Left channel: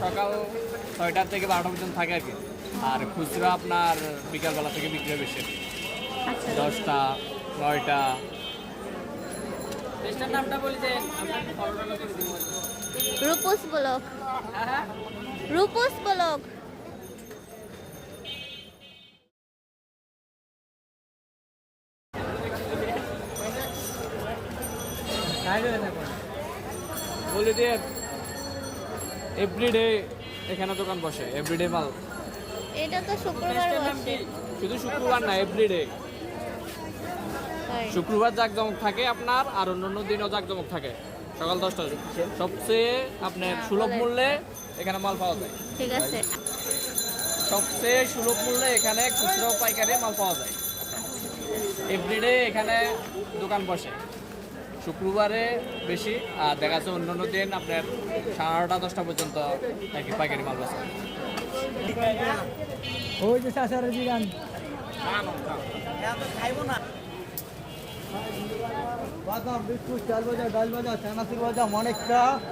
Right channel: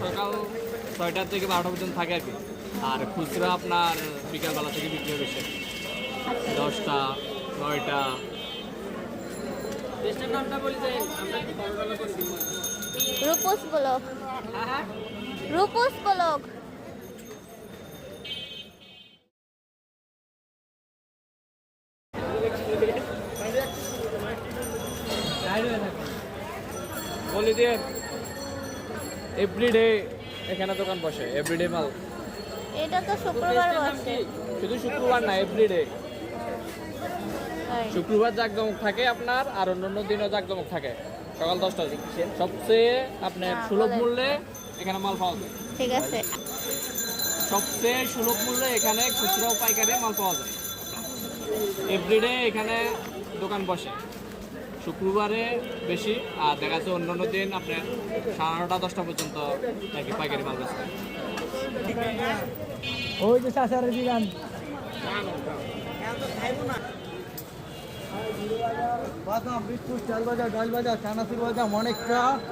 সকাল ছয়টা থেকে বারোটা পর্যন্ত থাকে আর কি। আর খুচরা আপনার বিকালবেলা থেকে বিক্রি হবে বেশি। আচ্ছা। দশটা নয়টা। রূপস ব্লক রূপস ব্লক বলে দিয়ে এভরিডে এখানে দোকান বসে এভরিডে মাল। এটা তো শুক্রবার বসে। শুধু শুক্রবার না এভরিডে। শুক্রবার জাকজমক থাকে আপনার আর অন্যান্য দিনও জাকজমক থাকে। সকাল দশটায়। সবচেয়ে আপনার সুলভ মূল্যে এখানে মাল পাওয়া যায়। ঠিক আছে। সবচেয়ে সুলভ মূল্যে এখানে খুচরা ও পাইকারি মাল পাওয়া যায়। এভরিডে এখানে দোকান বসে। শুক্রবারে বেশি আর দেখা যাচ্ছে অন্যান্য দিন আপনার সাড়ে নটা দশটা পর্যন্ত নাকি পাইকারি মাল আছে ওই যে চাচারের বিরান বাদাম বিস্কুট চাল বাজার ডাল বাজার চানাচুর বাজার অনেকটা